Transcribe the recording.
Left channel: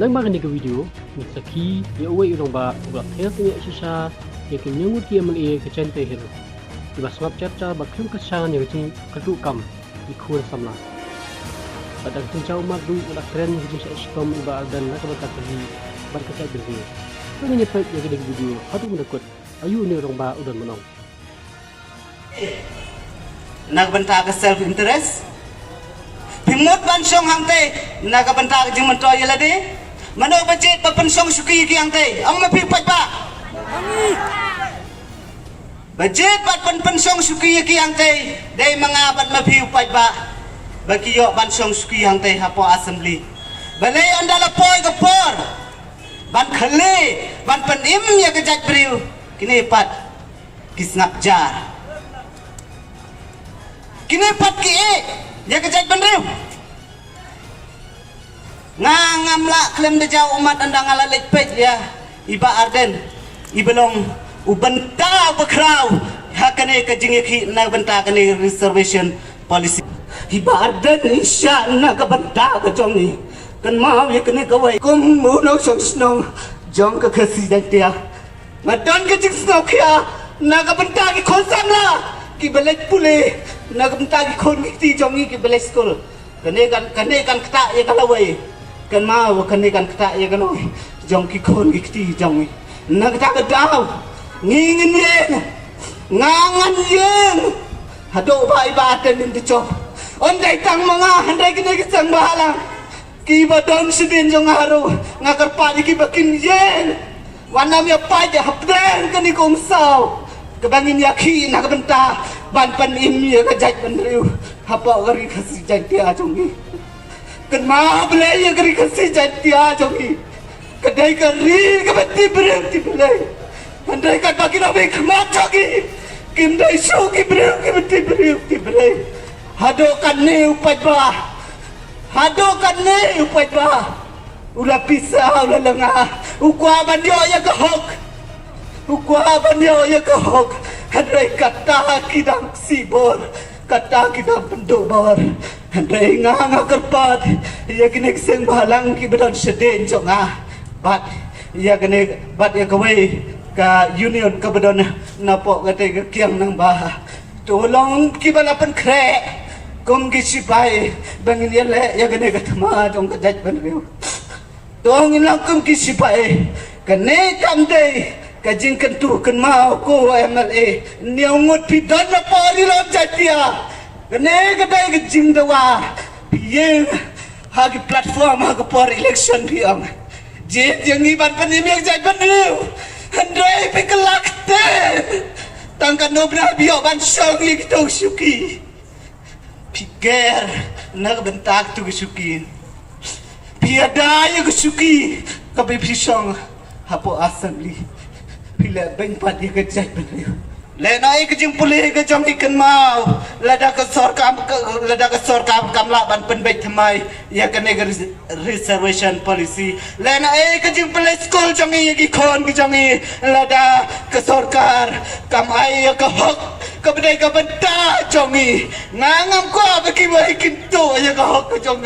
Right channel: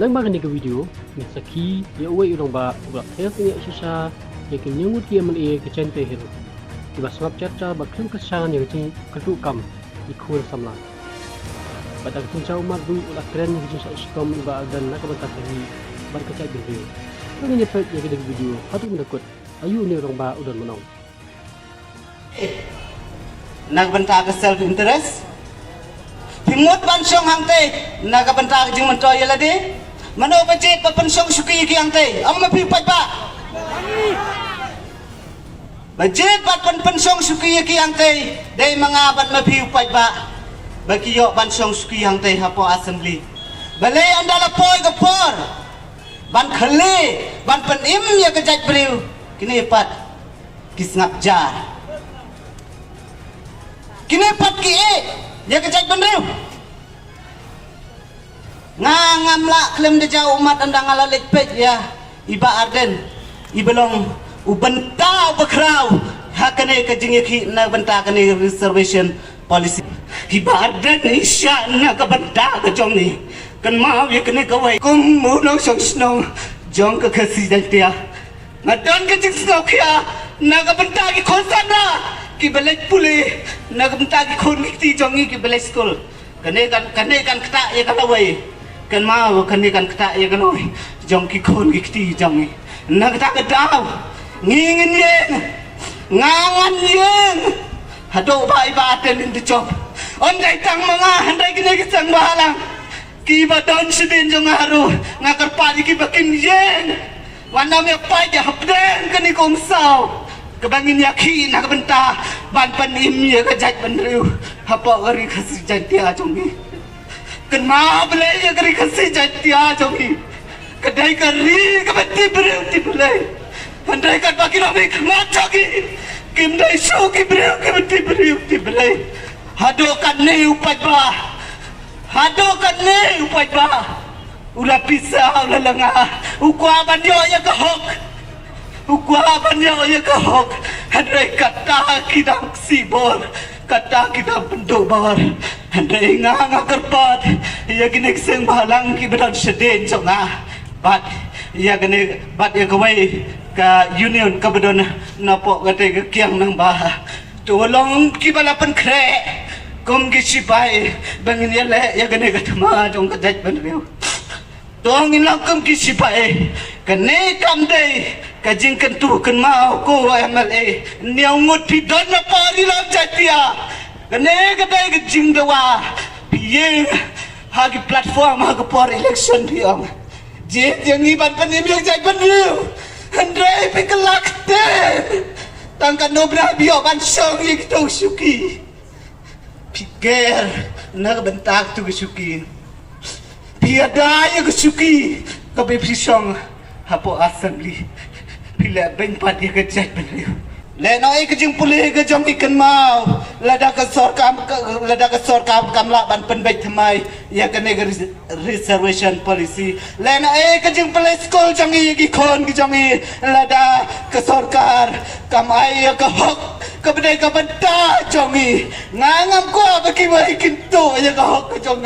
Nang makan ke video, misaki ya uwe urang ba ulat tes ni sisa ya kenyungut kia meli ke cente hero. Iba sebab cerca ba klum kesan ya kecing kedukam ikut samla. Pada kecing cau madu ulat keren ya kecing stom iba dan nak bentak lagi bar kecai video. Kali ni fight ya ke video hadu menakut ayu ni urang ba udan menong. Nak bentak self interest Pimut bansong hangte naga bentak jing mentoy lade mano bajet pa pensong suki ki hangte ang mapipat ba bajet bat pensong suki ki hangte dai mga bat mapipat ba bakiyo bansong suki hangte hapo assembly bale andala poy gapor ban khale ban panim ya kejak briu kini pat kisnap jar kini pat ki ya kejat benriu ngangam la klem de jau umat andang ala lekpet ya iba arden ibelong ubenta bakrau hakane ke jingeki na benta kane reservation policy iba arden isya na ka benta ka jong ni kan mau ya kane kawai kum mu no song snong jong ka khasi jantia ngadan ke jing snok ya na ka benta ki khosam la ki belek pule na ka benta ki khon ki jong ki belek school kane kan kata ya kalawai kan mau kan kata ya kan oi jong ki khon ki jong na kata ka daw ngingin yen ngangan yen hado bai ba ten in the job ondai tang mga handai kini ki sang bahalang ki ba don sidin jong haru ngakar pa ki bakin yen wana me pa ja hapden kan ko umsaw kebangin yaki nak benta ban panim ya kejat benriu apa gari khasi jantia jongi kan ma bele ya gari khasi jantia jongi kedai kari kebati breu ti bele andai kan bagi no me khmat jongi kim dai su ki breu kebati breu ti bele hado kan ne upat ba hado kan ne upat ba ula pisah ula lengah ukwa bandio ya kahok ukwa banyo ya kahok handai kata kita sibor kata kita penduk bawar handai nganga kerpat ya kini seng balang ki beran seden jonga bat ya kini bat ya kawai ka union ka bedon napok kate ke kiang nang bah tolong ki bala pen kre kum ki sipai bangin ya le ya kini katma jong ka jaj ban riu tong inakum ki sipai kene kam dei kajing kentu ken mau ko MLA niau ngut pidon na pori lam jatia kene kedai kajing dawa piye hagi platform hagi por election diam je jangi ban panim yang jai banu handai pekelak te tangkan nobra bio ban songi kita suki pikir nak bentak tu suki piada yang suki kabe pisong hapo assembly pila beng pat dia kejat le nai ke jing pulih ke jong ikan mau lada ke sorkam kamla ban penbet thamai ya ke reservation policy le nai ke jing pulih school jong i ki khon ki jong i lada ke sorkar kamai ke hok ke bedai ke benta jong i ngangam ko ke ki mai kintu ya ke hok ke jong